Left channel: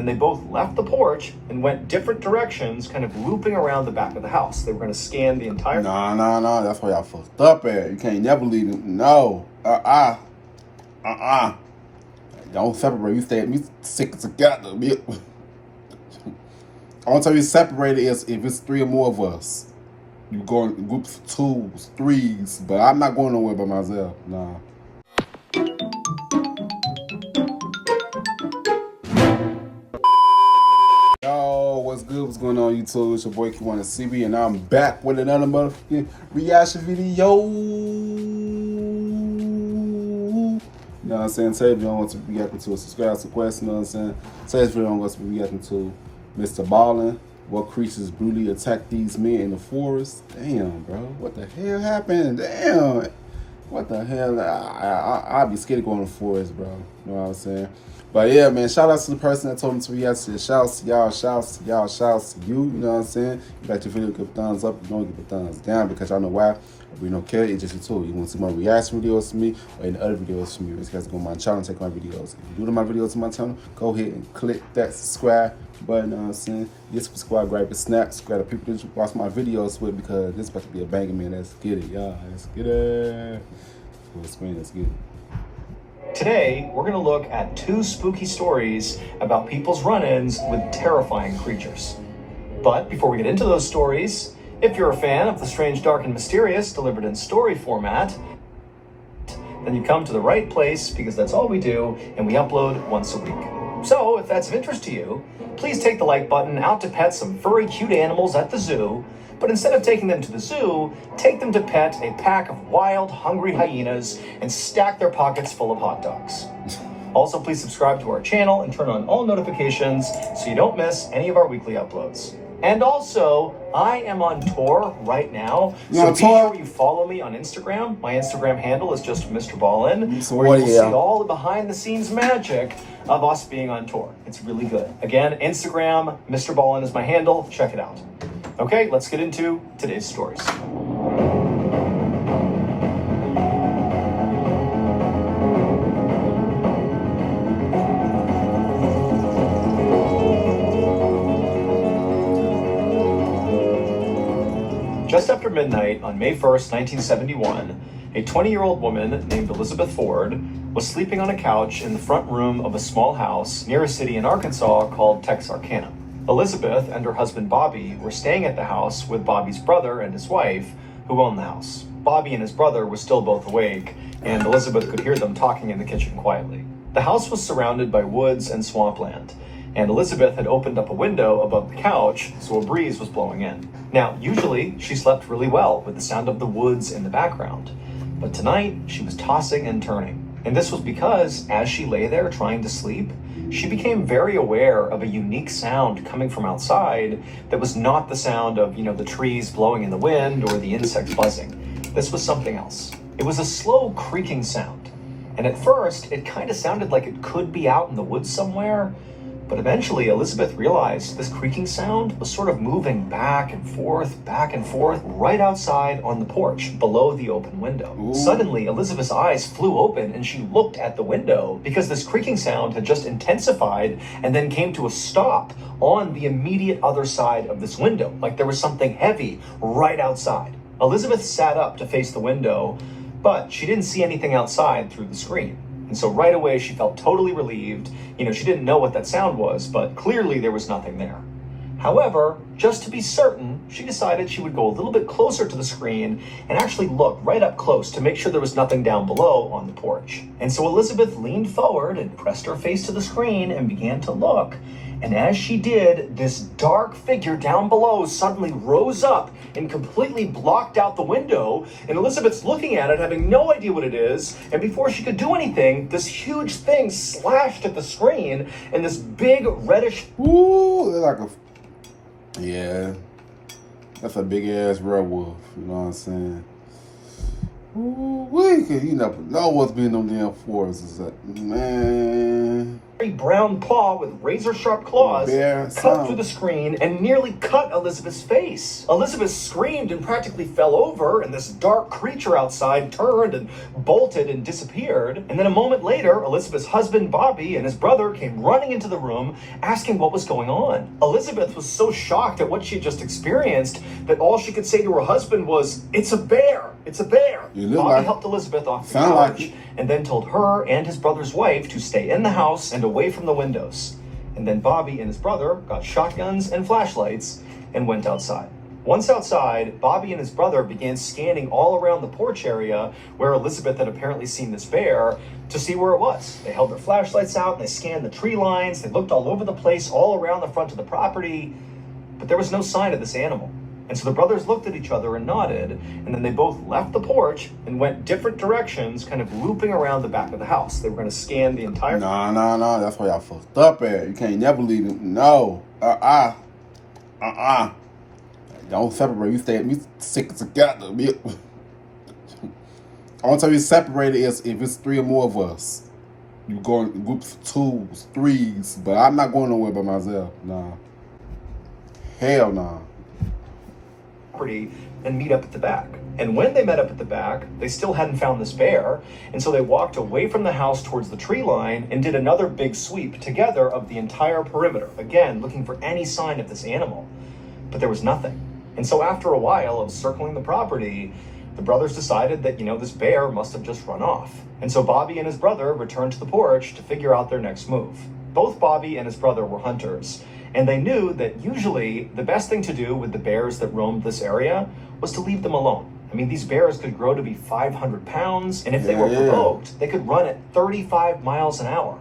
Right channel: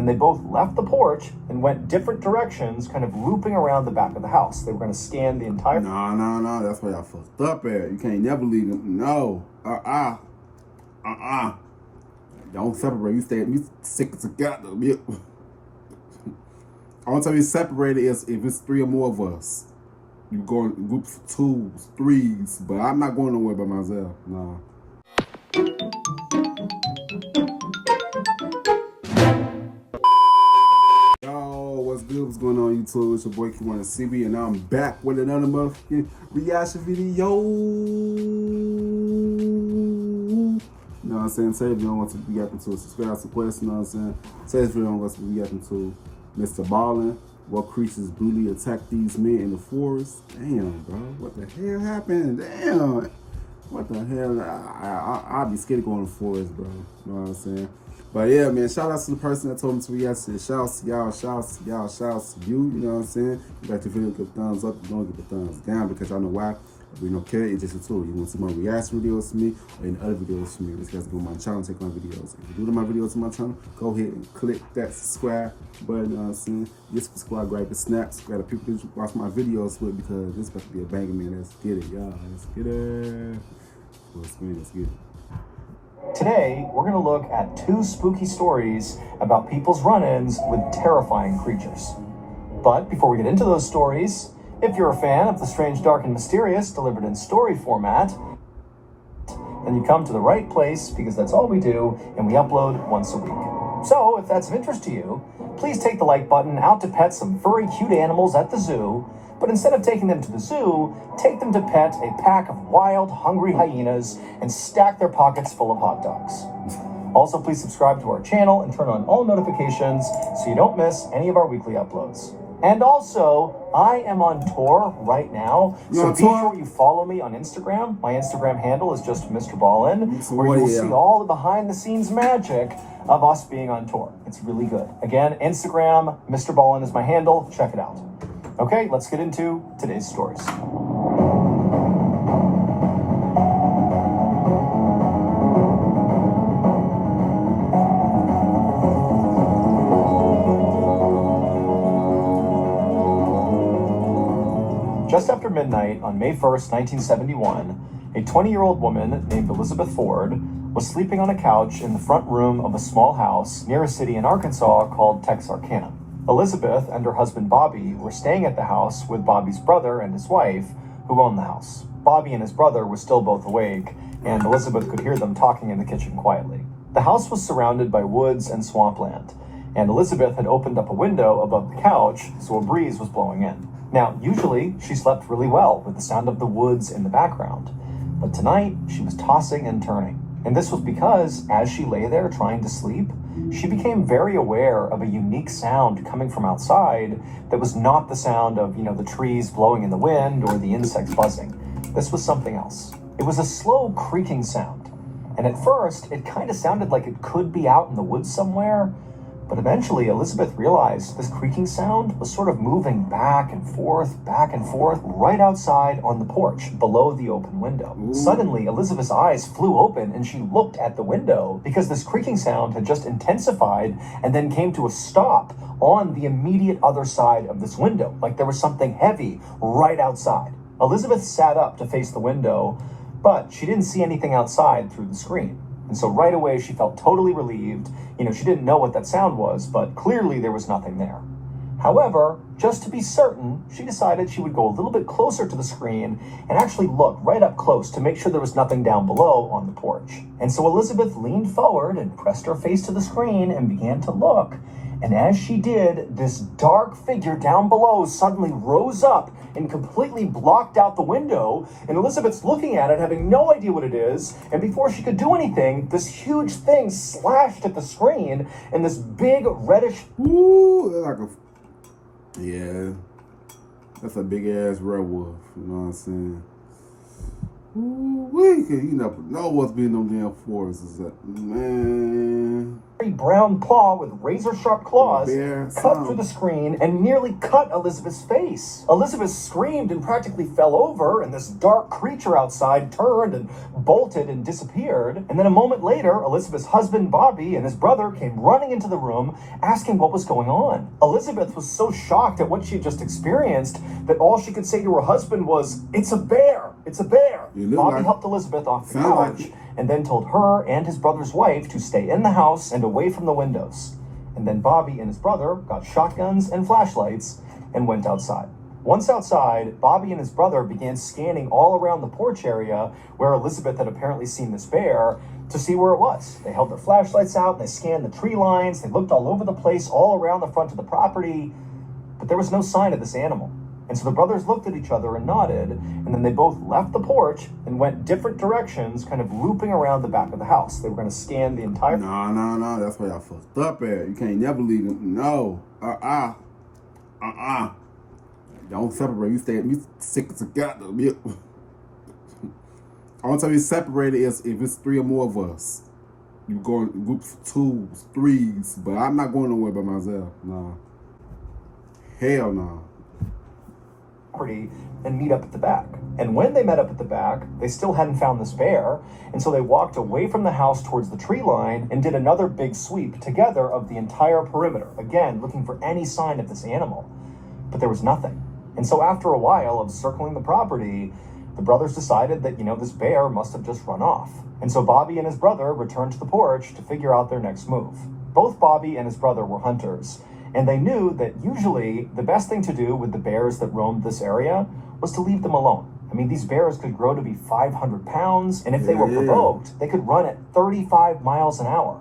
And they both left the porch and went different directions, kind of looping around the back of the house. They were going to scan the entire... No. That's why y'all fucked up at. You can't never leave them. No. Don't separate. We stick together. Only time we separate is if it's 3 or more of us. You go in groups of 2s, 3s, but I'm not going nowhere by myself. Nah. Yo, what's good? What's going on, YouTube? It's your boy Kewonis, and I'm back with another motherfucking reaction video. You know what I'm saying? Today, if you don't want to be reacting to a subscribe to question, you know what I'm saying? Today's video, I'm going to be reacting to Mrballen. What creatures brutally attack these men in the forest? Damn, bro. What the hell happened? Damn. What the hell? I'll be scared to go in the forest, bro. You know what I'm saying? But yeah, man, shout out to the person that told me to react to the shouts to y'all, shouts to y'all, shouts to you. You know what I'm saying? You got your video, give a thumbs up. You don't give a thumbs down because y'all know why. We don't care. It's just a tool. You want to see more reaction videos from me or any other videos from me? This guy's go on my channel and take my videos. If you're doing my videos on my channel, go ahead and click that subscribe button. You know what I'm saying? Get subscribe, grab a snap, subscribe to people that watch my videos with because this is about to be a banger, man. Let's get it, y'all. Let's get it. Full screen, let's get it. Today, we're going to look at 2 spooky stories about people's run-ins with terrifying creatures. But before we get into those stories, if you're a fan of the strange, dark, and mysterious delivered in story format, then you come to the right place because that's all we do, and we upload once a week. So, if that's of interest to you, please take the like button out to pet some furry, cute animals at the zoo, but instead of taking them to the zoo, take them to pet a pack of wild, hungry hyenas and stack their pockets full of hot dogs. Also, please subscribe to our channel and turn on all notifications so you don't miss any of our weekly uploads. And also, I am on tour right now, so be sure you follow me on Instagram. My Instagram handle is just Mrballen, where you will see all the behind-the-scenes magic of us being on tour. It's really good. Again, Instagram, Mrballen is my handle. Check it out. Okay, let's get into today's stories. Just after midnight on May 1st, 1971, a 20-year-old woman named Elizabeth Ford was sleeping on a couch in the front room of a small house near a city in Arkansas called Texarkana. Elizabeth and her husband Bobby were staying at the house with Bobby's brother and his wife, who owned the house. Bobby and his brother were still both awake, and Elizabeth could hear them talking in the kitchen quietly. The house was surrounded by woods and swampland, and Elizabeth had opened up a window above the couch so a breeze was blowing in. Now, usually she slept really well with the sound of the woods in the background, but tonight she was tossing and turning. And this was because, as she lay there trying to sleep, she became very aware of a unique sound coming from outside that was not the sound of, the trees blowing in the wind or the insects buzzing. This was something else. It was a slow creaking sound. And at first, it kind of sounded like it could be out in the woods somewhere, but eventually Elizabeth realized this creaking sound was sort of moving back and forth, right outside on the porch below the open window. Ooh. Suddenly, Elizabeth's eyes flew open and she looked at the window because this creaking sound had just intensified and then came to a stop on the immediate other side of this window, like there was something heavy right outside. Elizabeth sat up to face the window, but she didn't see anything outside through the screen. And so right away, she felt totally relieved. She didn't know what that sound was, but clearly there was nothing there. However, just to be certain, she decided she would go a little bit closer to the screen and actually look right up close to make sure there was nothing down below on the porch. And so Elizabeth leaned forward and pressed her face to the screen and began to look. And as she did, this dark figure down below suddenly rose up and completely blocked out the window. And Elizabeth's looking at it, having no idea what it is. And before she could do anything, this huge thing slashed at the screen and this big reddish... Ooh, like yeah, that's a big ass werewolf. You know what I'm saying? Ooh, we could, know what's been on damn forests is that, man. brown paw with razor-sharp claws Bear cut sound. through the screen and nearly cut Elizabeth's face. Elizabeth screamed and practically fell over, and this dark creature outside turned and bolted and disappeared. And then a moment later, Elizabeth's husband, Bobby, and his brother came running into the room asking what was going on. Elizabeth was so shocked at what she had just experienced that all she could say to her husband was, "It's a bear! It's a bear!" Bobby helped Elizabeth off the couch and then told her and his brother's wife to stay in the house and away from the windows. And then Bobby and his brother got shotguns and flashlights and went outside. Once outside, Bobby and his brother began scanning all around the porch area where Elizabeth had apparently seen this bear to see where it was. They held their flashlights out and they scanned the tree lines. They looked all over the place, all around the front of the property, but there was no sign of this animal. And so the brothers looked at each other and nodded, and then they both left the porch and went different directions, kind of looping around the back of the house. They were going to scan the entire... No. That's why y'all fucked up at. You can't never leave them. No. Don't separate. We stick together. Only time we separate is if it's 3 or more of us. You go in groups of 2s, 3s, but I'm not going nowhere by myself. Nah. Hell nah. And meet up at the back. And when they met up at the back, they still hadn't found this bear, and so they walked away from the house towards the tree line and did another big sweep together of the entire perimeter, again looking for any sign of this animal. But there was nothing. And so after a while of circling the property, the brothers decided that, this bear must have just run off. And so Bobby and his brother returned to the porch to figure out their next move. Both Bobby and his brother were hunters, and they knew that usually the best thing to do with the bears that roamed this area was to leave them alone. I mean, these bears could grow to be 500 pounds, and if they were provoked, they could run at 35 miles an hour.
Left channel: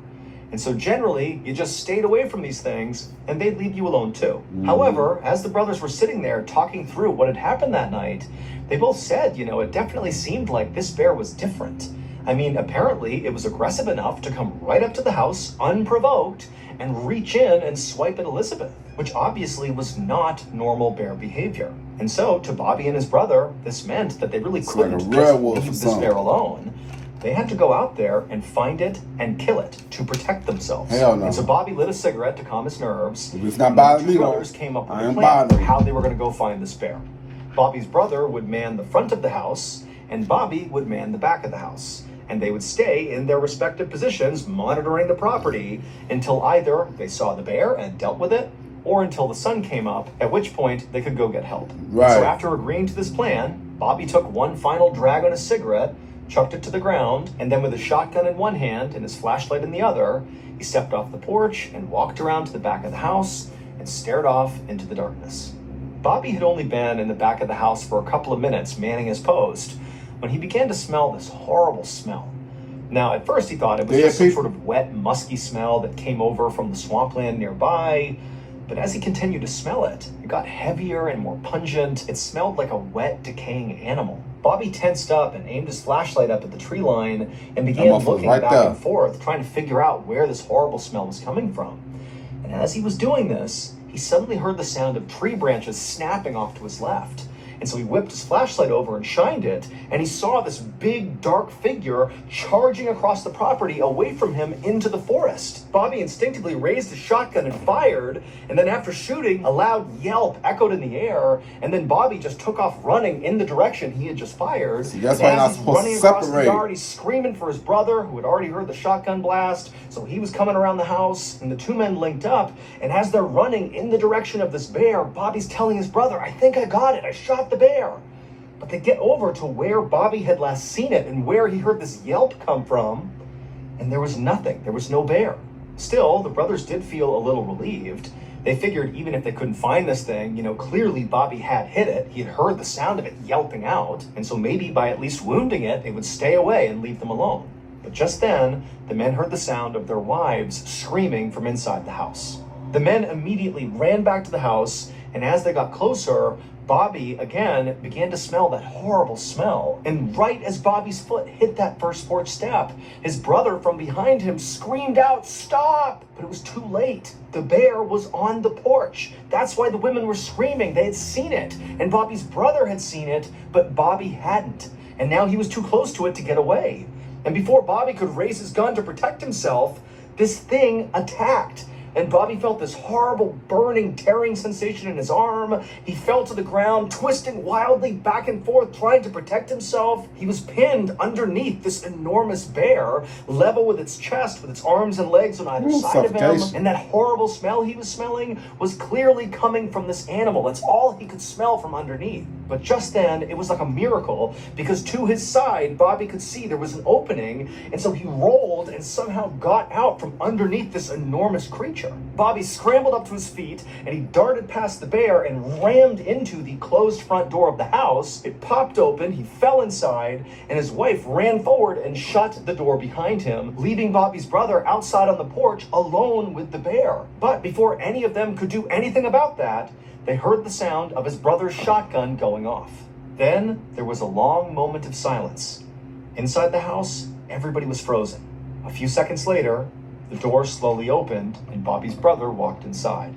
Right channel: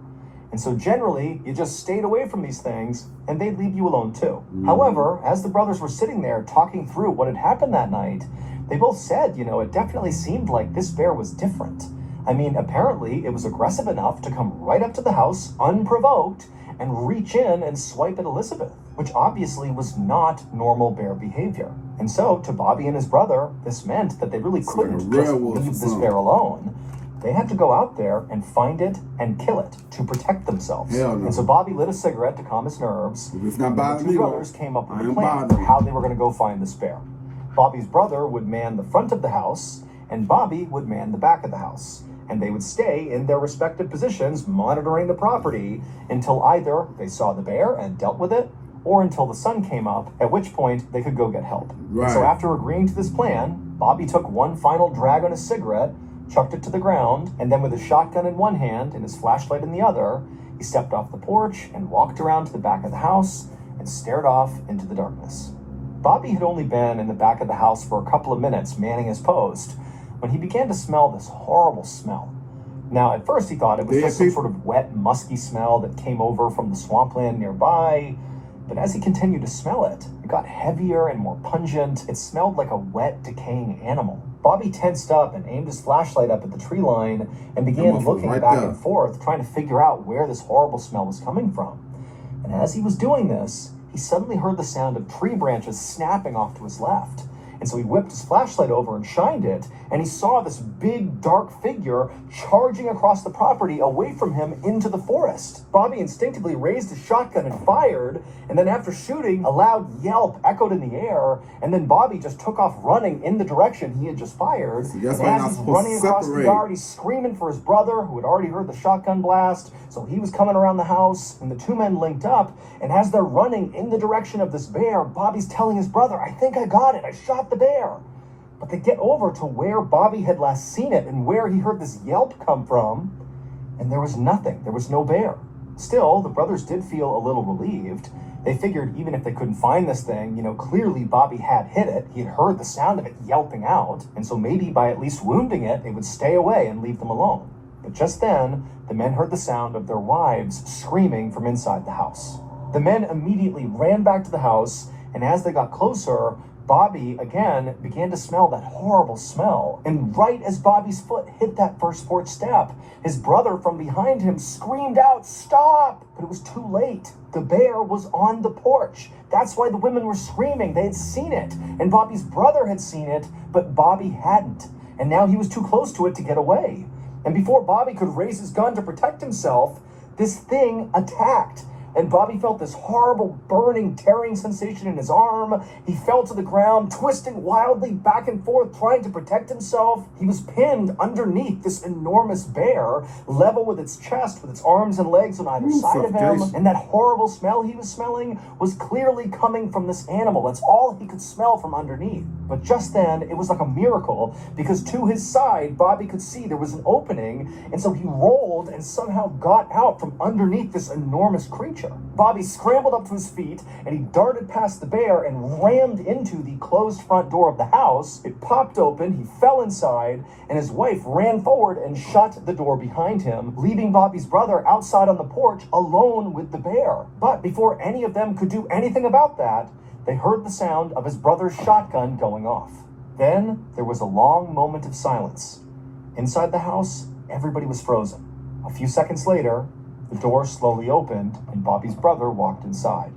And so generally, you just stayed away from these things, and they'd leave you alone too. However, as the brothers were sitting there talking through what had happened that night, they both said, it definitely seemed like this bear was different. I mean, apparently it was aggressive enough to come right up to the house, unprovoked, and reach in and swipe at Elizabeth, which obviously was not normal bear behavior. And so, to Bobby and his brother, this meant that they really couldn't just leave this bear alone. They had to go out there and find it and kill it to protect themselves. Hell no. And so Bobby lit a cigarette to calm his nerves. If it's not bothering me, the two brothers came up with a plan for how they were going to go find this bear. Bobby's brother would man the front of the house, and Bobby would man the back of the house. And they would stay in their respective positions, monitoring the property until either they saw the bear and dealt with it, or until the sun came up, at which point they could go get help. Right. So after agreeing to this plan, Bobby took one final drag on his cigarette, chucked it to the ground, and then with his shotgun in one hand and his flashlight in the other, he stepped off the porch and walked around to the back of the house and stared off into the darkness. Bobby had only been in the back of the house for a couple of minutes manning his post when he began to smell this horrible smell. Now, at first he thought it was just some sort of wet, musky smell that came over from the swampland nearby, but as he continued to smell it, it got heavier and more pungent. It smelled like a wet, decaying animal. Bobby tensed up and aimed his flashlight up at the tree line and began looking back and forth, trying to figure out where this horrible smell was coming from. And as he was doing this, he suddenly heard the sound of tree branches snapping off to his left. And so he whipped his flashlight over and shined it, and he saw this big, dark figure charging across the property away from him into the forest. Bobby instinctively raised his shotgun and fired, and then after shooting, a loud yelp echoed in the air, and then Bobby just took off running in the direction he had just fired. See, that's why as he's running across the yard, he's screaming for his brother, who had already heard the shotgun blast, so he was coming around the house, and the two men linked up, and as they're running in the direction of this bear, Bobby's telling his brother, "I think I got it, I shot the bear." But they get over to where Bobby had last seen it and where he heard this yelp come from, and there was nothing. There was no bear. Still, the brothers did feel a little relieved. They figured even if they couldn't find this thing, clearly Bobby had hit it. He had heard the sound of it yelping out, and so maybe by at least wounding it, it would stay away and leave them alone. But just then, the men heard the sound of their wives screaming from inside the house. The men immediately ran back to the house, and as they got closer, Bobby, again, began to smell that horrible smell. And right as Bobby's foot hit that first porch step, his brother from behind him screamed out, "Stop!" But it was too late. The bear was on the porch. That's why the women were screaming. They had seen it. And Bobby's brother had seen it, but Bobby hadn't. And now he was too close to it to get away. And before Bobby could raise his gun to protect himself, this thing attacked. And Bobby felt this horrible burning, tearing sensation in his arm. He fell to the ground, twisting wildly back and forth, trying to protect himself. He was pinned underneath this enormous bear, level with its chest, with its arms and legs on either side of him. And that horrible smell he was smelling was clearly coming from this animal. That's all he could smell from underneath. But just then, it was like a miracle, because to his side, Bobby could see there was an opening, and so he rolled and somehow got out from underneath this enormous creature. Bobby scrambled up to his feet, and he darted past the bear and rammed into the closed front door of the house. It popped open, he fell inside, and his wife ran forward and shut the door behind him, leaving Bobby's brother outside on the porch alone with the bear. But before any of them could do anything about that, they heard the sound of his brother's shotgun going off. Then there was a long moment of silence. Inside the house, everybody was frozen. A few seconds later, the door slowly opened and Bobby's brother walked inside.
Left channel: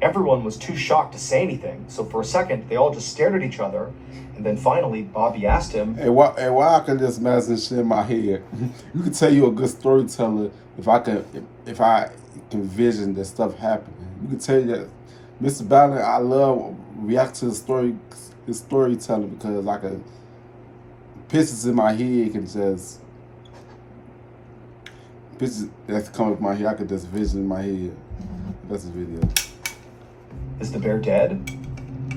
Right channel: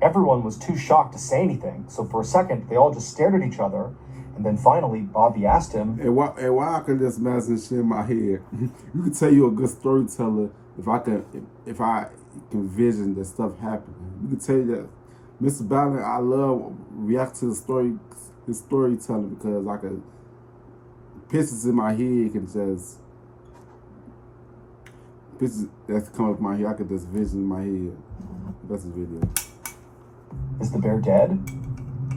Everyone was too shocked to say anything, so for a second they all just stared at each other, and then finally Bobby asked him, Hey, why I can just imagine shit in my head? You could tell you're a good storyteller if I can vision that stuff happening. You could tell you that Mr. Ballin, I love react to his storytelling, because I can pictures in my head can just pictures that's coming from my head. I could just vision in my head. That's the video. "Is the bear dead?"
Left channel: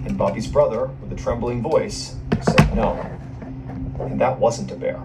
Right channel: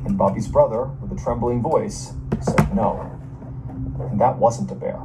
And Bobby's brother, with a trembling voice, said no. And that wasn't a bear.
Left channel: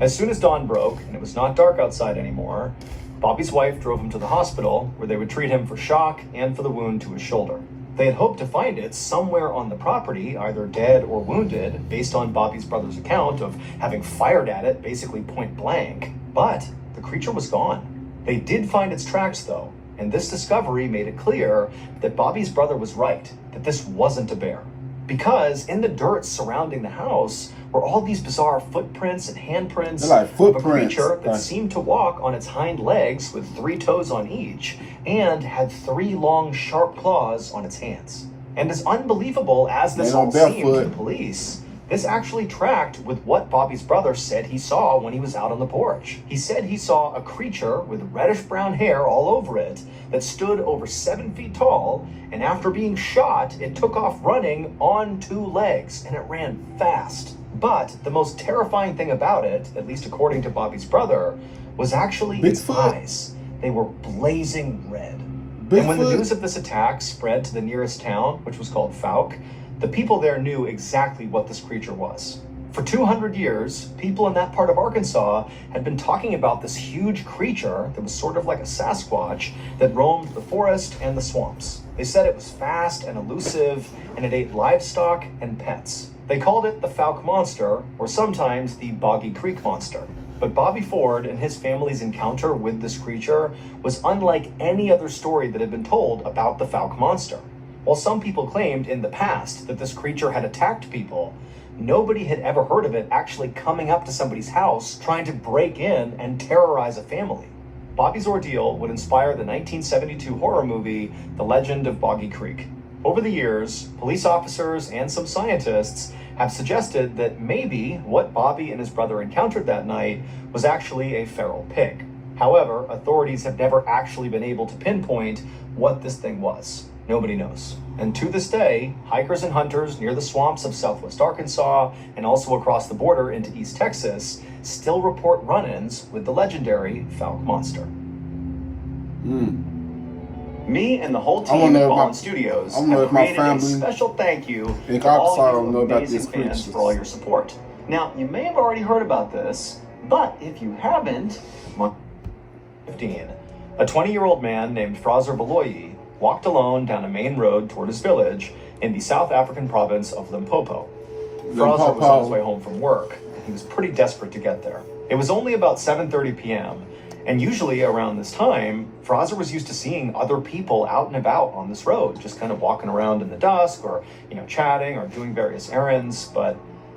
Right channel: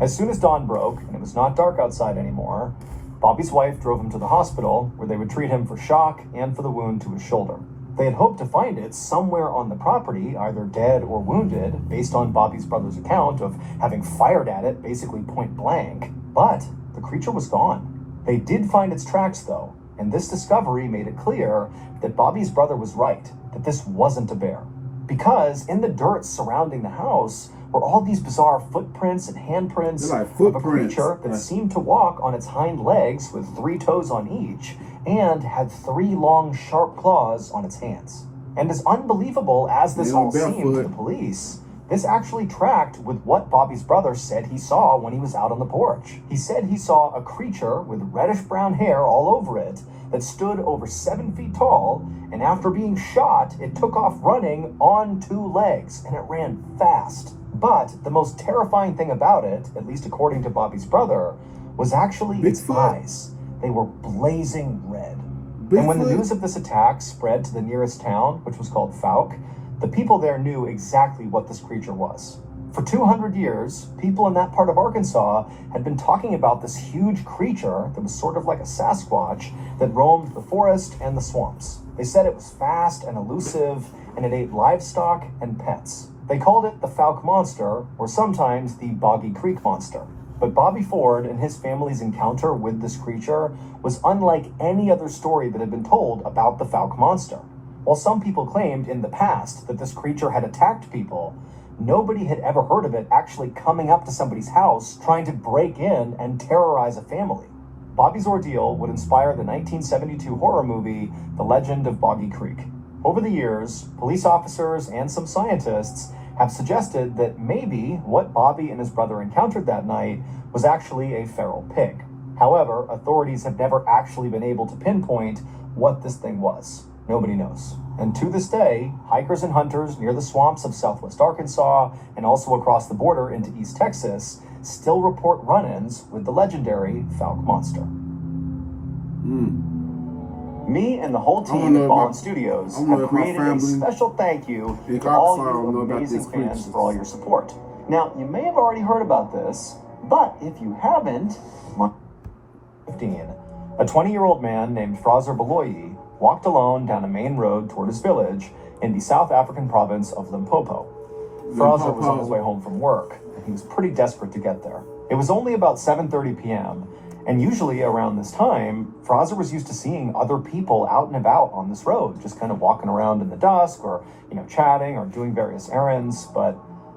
As soon as dawn broke and it was not dark outside anymore, Bobby's wife drove him to the hospital, where they would treat him for shock and for the wound to his shoulder. They had hoped to find it somewhere on the property, either dead or wounded, based on Bobby's brother's account of having fired at it basically point blank. But the creature was gone. They did find its tracks, though, and this discovery made it clear that Bobby's brother was right, that this wasn't a bear. Because in the dirt surrounding the house were all these bizarre footprints and handprints of a creature that seemed to walk on its hind legs with 3 toes on each, and had 3 long, sharp claws on its hands. And as unbelievable as this all seemed to the police, this actually tracked with what Bobby's brother said he saw when he was out on the porch. He said he saw a creature with reddish-brown hair all over it that stood over 7 feet tall, and after being shot, it took off running on 2 legs, and it ran fast. But the most terrifying thing about it, at least according to Bobby's brother, was actually its eyes. They were blazing red. And when the news of this attack spread to the nearest town, which was called Fouke, the people there knew exactly what this creature was. For 200 years, people in that part of Arkansas had been talking about this huge creature that was sort of like a Sasquatch that roamed the forest and the swamps. They said it was fast and elusive, and it ate livestock and pets. They called it the Fouke Monster, or sometimes the Boggy Creek Monster. But Bobby Ford and his family's encounter with this creature was unlike any other story that had been told about the Fouke Monster. While some people claimed in the past that this creature had attacked people, nobody had ever heard of it actually coming up to somebody's house, trying to break in and terrorize a family. Bobby's ordeal would inspire the 1972 horror movie, The Legend of Boggy Creek. Over the years, police officers and some scientists have suggested that maybe what Bobby and his brother encountered that night was actually a feral pig. However, authorities have never actually been able to pinpoint what this thing was. Nobody knows. And to this day, hikers and hunters near the swamps of southwest Arkansas and also across the border into East Texas still report run-ins with the legendary Fouke Monster. Me and the whole team at Mrballen Studios have created a special thank you to all you amazing fans for all your support. Now, you may have already heard about this, but if you haven't, 15, a 20-year-old man named Fraser Beloyi walked alone down a main road toward his village in the South African province of Limpopo. Fraser was on his way home from work, and he was pretty desperate to get there. It was only about 7:30 p.m., and usually around this time, Fraser was used to seeing other people out and about on this road, just kind of walking around in the dusk or, chatting or doing various errands. But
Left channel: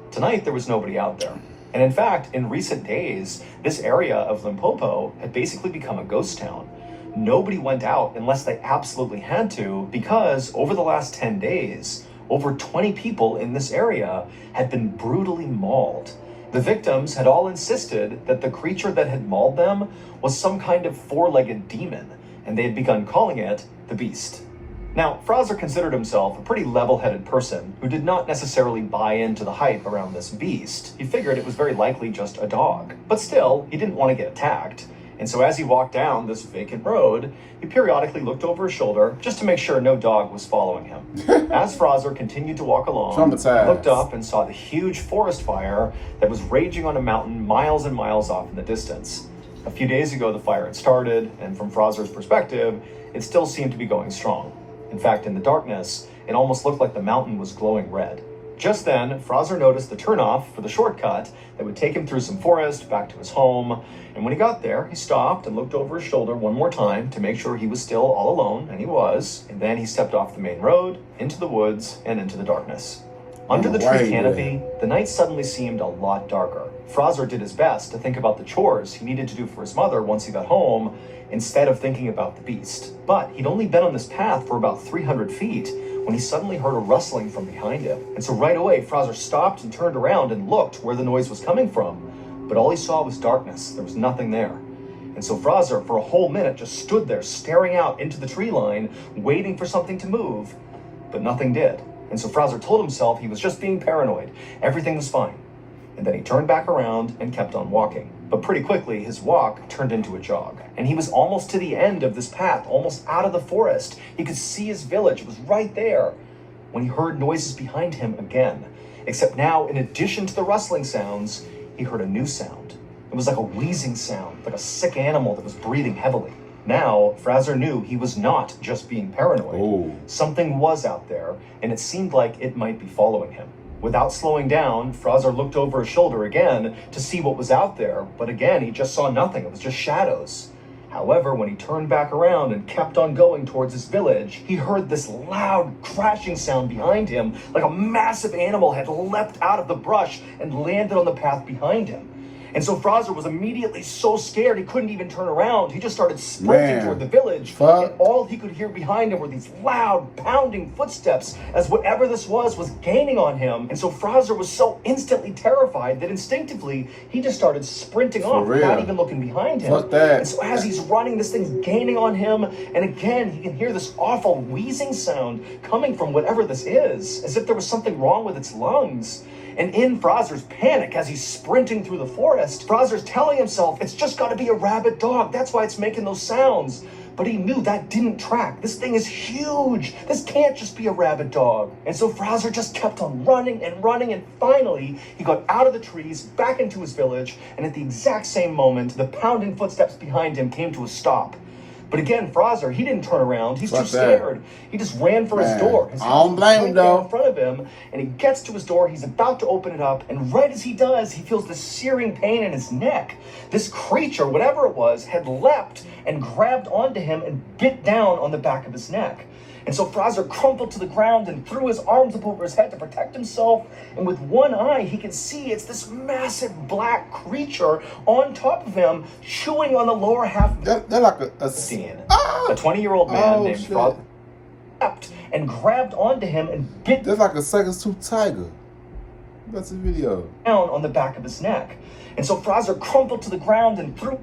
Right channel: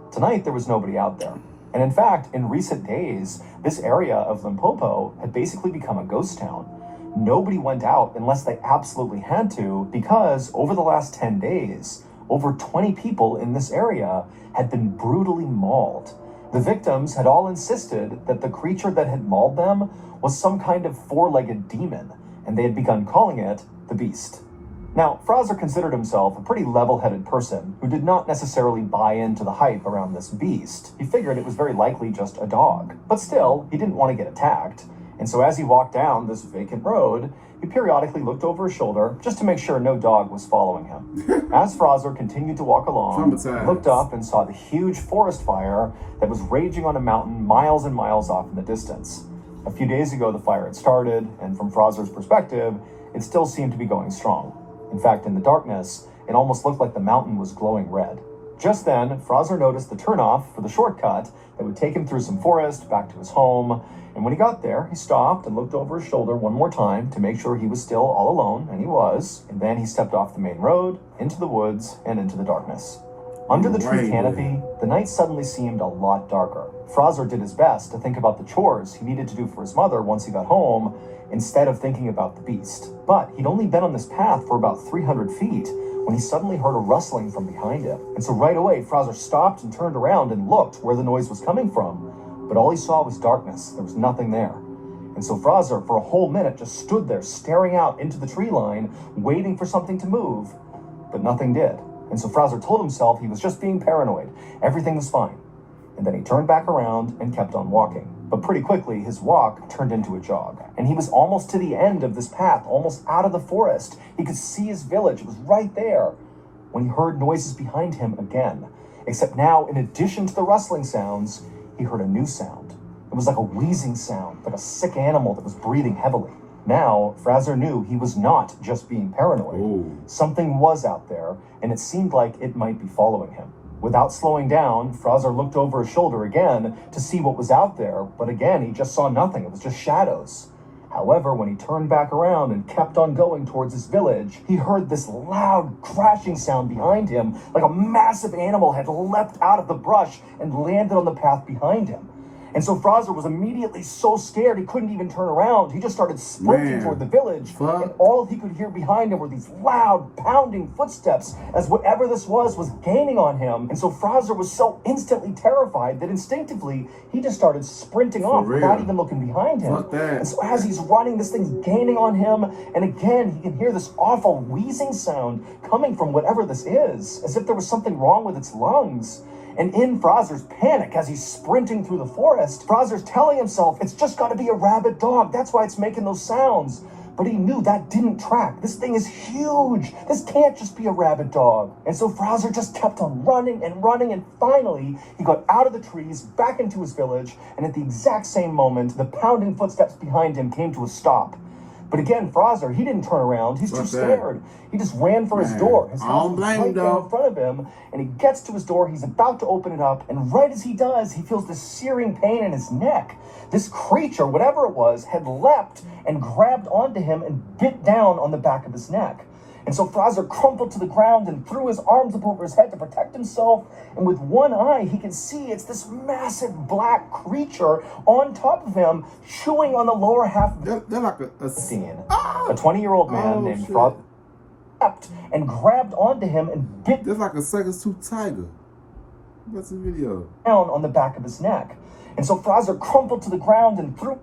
tonight there was nobody out there. And in fact, in recent days, this area of Limpopo had basically become a ghost town. Nobody went out unless they absolutely had to, because over the last 10 days, over 20 people in this area had been brutally mauled. The victims had all insisted that the creature that had mauled them was some kind of four-legged demon, and they had begun calling it the Beast. Now, Fraser considered himself a pretty level-headed person who did not necessarily buy into the hype around this beast. He figured it was very likely just a dog. But still, he didn't want to get attacked. And so as he walked down this vacant road, he periodically looked over his shoulder just to make sure no dog was following him. As Fraser continued to walk along, he looked up and saw the huge forest fire that was raging on a mountain miles and miles off in the distance. A few days ago, the fire had started, and from Fraser's perspective, it still seemed to be going strong. In fact, in the darkness, it almost looked like the mountain was glowing red. Just then, Fraser noticed the turnoff for the shortcut that would take him through some forest back to his home. And when he got there, he stopped and looked over his shoulder one more time to make sure he was still all alone, and he was. And then he stepped off the main road, into the woods, and into the darkness. Under the tree canopy, the night suddenly seemed a lot darker. Fraser did his best to think about the chores he needed to do for his mother once he got home, instead of thinking about the beast. But he'd only been on this path for about 300 feet when he suddenly heard a rustling from behind him. And so right away, Fraser stopped and turned around and looked where the noise was coming from. But all he saw was darkness. There was nothing there. And so Fraser, for a whole minute, just stood there staring out into the tree line, waiting for something to move. But nothing did. And so Fraser told himself he was just being paranoid. Everything was fine. And then he turned back around and kept on walking. But pretty quickly, his walk turned into a jog. And he was almost to the end of this path, almost out of the forest. He could see his village. It was right there when he heard noises behind him again. Except now, in addition to the rustling sounds, he heard a new sound. It was like a wheezing sound, like a sick animal that was breathing heavily. Now, Fraser knew he was not just being paranoid. Ooh. Something was out there, and it seemed like it might be following him. Without slowing down, Fraser looked over his shoulder again to see what was out there, but again, he just saw nothing. It was just shadows. However, when he turned back around and kept on going towards his village, he heard this loud crashing sound behind him, like a massive animal had leapt out of the brush and landed on the path behind him. And so Fraser was immediately so scared he couldn't even turn around. He just started sprinting toward the village. And all he could hear behind him were these loud, pounding footsteps as whatever this was gaining on him. And so Fraser was so instantly terrified that instinctively he just started sprinting off without even looking behind him. And so as he's running, this thing's gaining on him. And again, he can hear this awful wheezing sound coming from whatever this is, as if there was something wrong with its lungs. And in Fraser's panic, as he's sprinting through the forest, Fraser's telling himself, it's just got to be a rabid dog. That's why it's making those sounds. But he knew that didn't track. This thing is huge. This can't just be a rabid dog. And so Fraser just kept on running and running. And finally, he got out of the trees, back into his village. And at the exact same moment, the pounding footsteps behind him came to a stop. But again, Fraser, he didn't turn around. He's too scared. He just ran for his door. His house was right there in front of him, and he gets to his door. He's about to open it up, and right as he does, he feels this searing pain in his neck. This creature, whatever it was, had leapt and grabbed onto him and bit down on the back of his neck. And so Fraser crumpled to the ground and threw his arms up over his head to protect himself. And with one eye, he can see it's this massive black creature on top of him, chewing on the lower half of they're like a scene. A 20-year-old man named Fraser leapt and grabbed onto him and bit That's like a second-tooth tiger. That's a video. Down on the back of his neck. And so Fraser crumpled to the ground and threw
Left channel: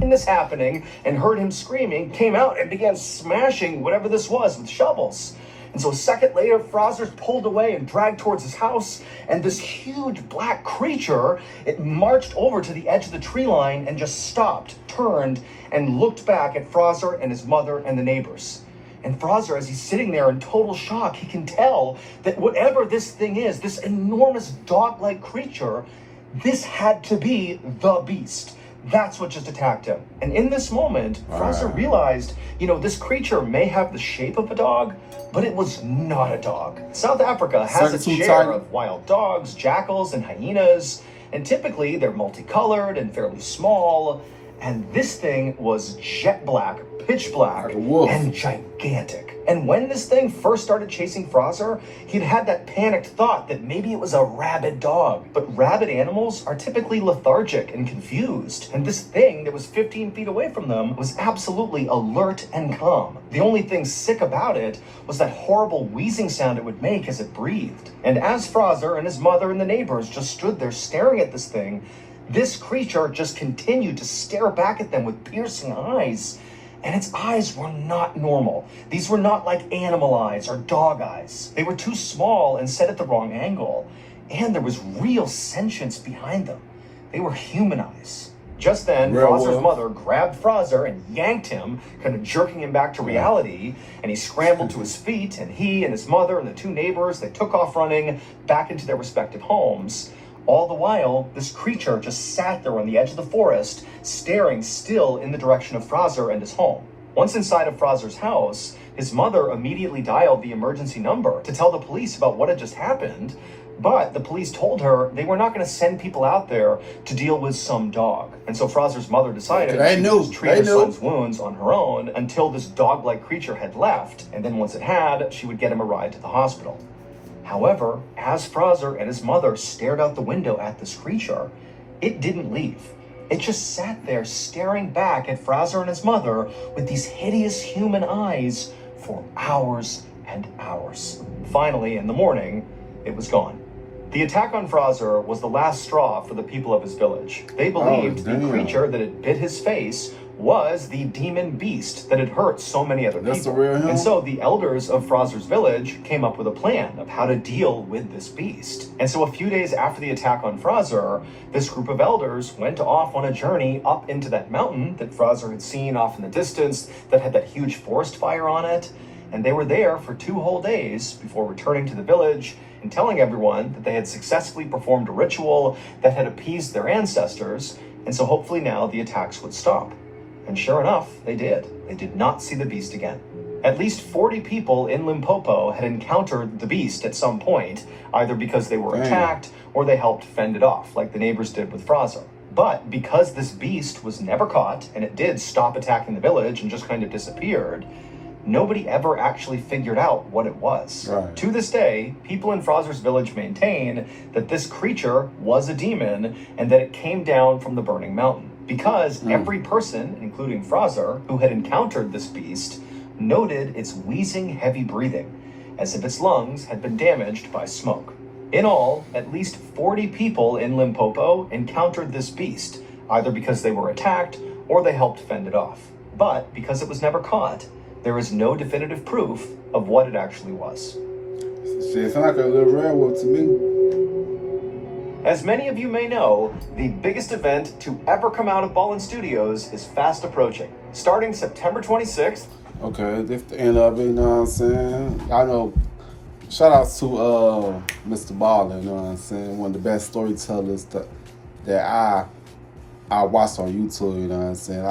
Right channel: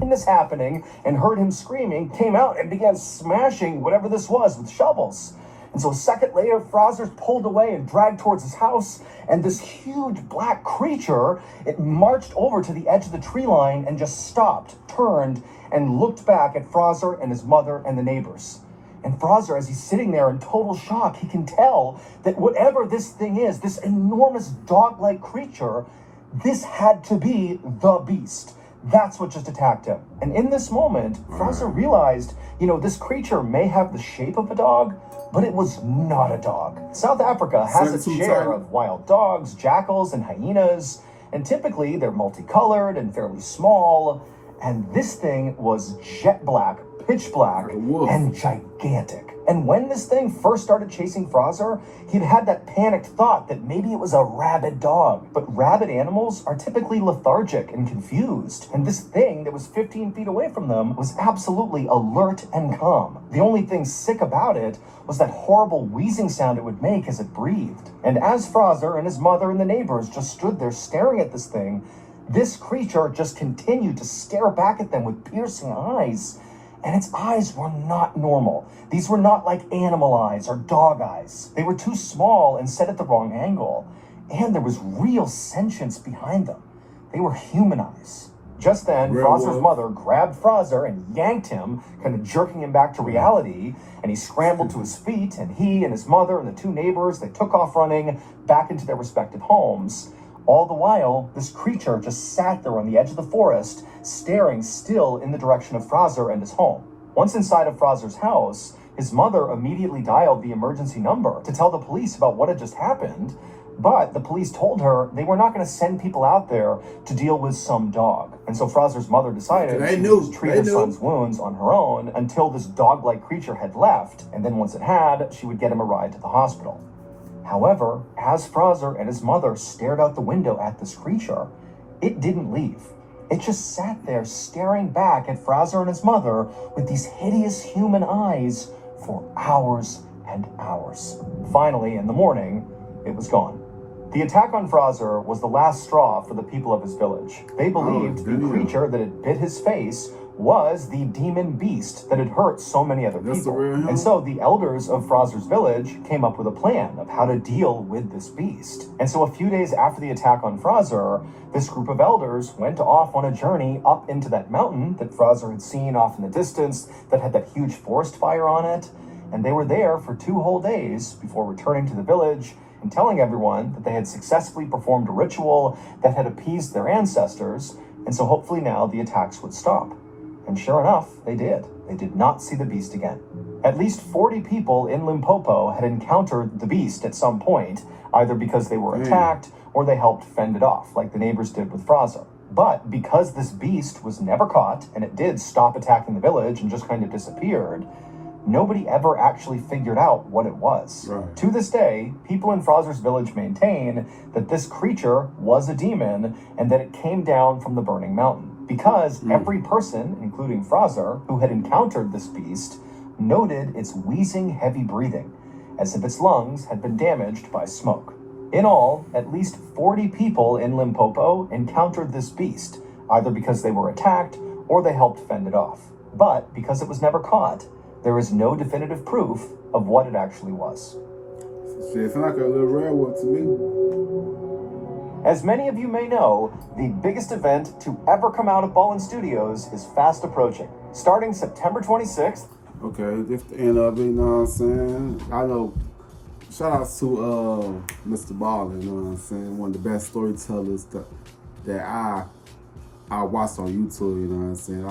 this happening and heard him screaming, came out and began smashing whatever this was with shovels. And so a second later, Fraser pulled away and dragged towards his house, and this huge black creature, it marched over to the edge of the tree line and just stopped, turned, and looked back at Fraser and his mother and the neighbors. And Fraser, as he's sitting there in total shock, he can tell that whatever this thing is, this enormous dog-like creature, this had to be the beast. That's what just attacked him. And in this moment, Fraser realized, this creature may have the shape of a dog, but it was not a dog. South Africa has its share of wild dogs, jackals, and hyenas, and typically they're multicolored and fairly small. And this thing was jet black, pitch black, and gigantic. And when this thing first started chasing Fraser, he'd had that panicked thought that maybe it was a rabid dog. But rabid animals are typically lethargic and confused. And this thing that was 15 feet away from them was absolutely alert and calm. The only thing sick about it was that horrible wheezing sound it would make as it breathed. And as Fraser and his mother and the neighbors just stood there staring at this thing, this creature just continued to stare back at them with piercing eyes. And its eyes were not normal. These were not like animal eyes or dog eyes. They were too small and set at the wrong angle. And there was real sentience behind them. They were human eyes. Just then, Fraser's mother grabbed Fraser and yanked him, kind of jerking him back to reality. And he scrambled to his feet, and he and his mother and the two neighbors, they took off running back into their respective homes. All the while, this creature just sat there on the edge of the forest, staring still in the direction of Fraser and his home. Once inside of Fraser's house, his mother immediately dialed the emergency number to tell the police about what had just happened, but the police told her they were not going to send people out there to deal with some dog. And so Fraser's mother decided she would just treat her son's wounds on her own until this dog-like creature had left, and then once it had, she would get him a ride to the hospital. However, as Fraser and his mother stared out the window at this creature, it didn't leave. It just sat there staring back at Fraser and his mother with these hideous human eyes for hours and hours. Finally, in the morning, it was gone. The attack on Fraser was the last straw for the people of his village. They believed the creature that had bit his face was the demon beast that had hurt so many other people. And so the elders of Fraser's village came up with a plan of how to deal with this beast. And so a few days after the attack on Fraser, this group of elders went off on a journey up into that mountain that Fraser had seen off in the distance that had that huge forest fire on it. And they were there for 2 whole days before returning to the village and telling everyone that they had successfully performed a ritual that had appeased their ancestors. And so hopefully now the attacks would stop. And sure enough, they did. They did not see the beast again. At least 40 people in Limpopo had encountered the beast at some point, either because they were attacked or they helped fend it off, like the neighbors did with Fraser. But because this beast was never caught, and it did stop attacking the village and just kind of disappeared, nobody ever actually figured out what it was. To this day, people in Fraser's village maintain that this creature was a demon and that it came down from the burning mountain. Because every person, including Fraser, who had encountered this beast, noted its wheezing, heavy breathing, as if its lungs had been damaged by smoke. In all, at least 40 people in Limpopo encountered this beast, either because they were attacked or they helped fend it off. But because it was never caught, there is no definitive proof of what it actually was. Shit, sound like a little werewolf to me. As many of you may know, the biggest event to ever come out of Mrballen Studios is fast approaching. Starting September 26th. Okay, this the end of it, you know what I'm saying? I know, shout out to Mr. Mrballen, you know what I'm saying? One of the best storytellers that I watched on YouTube, you know what I'm saying?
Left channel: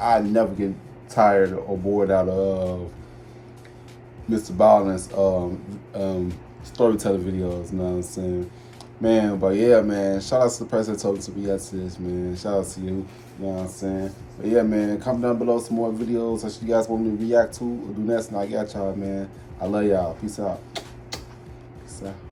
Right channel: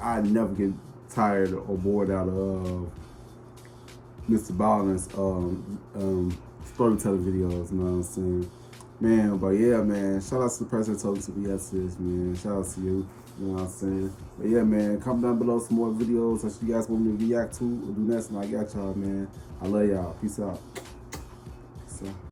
I never get tired or bored out of Mr. Mrballen's storytelling videos, you know what I'm saying? Man, but yeah, man, shout out to the person that told us to react to this, man. Shout out to you, you know what I'm saying? But yeah, man, comment down below some more videos that you guys want me to react to or do next, and I got y'all, man. I love y'all. Peace out. Peace out.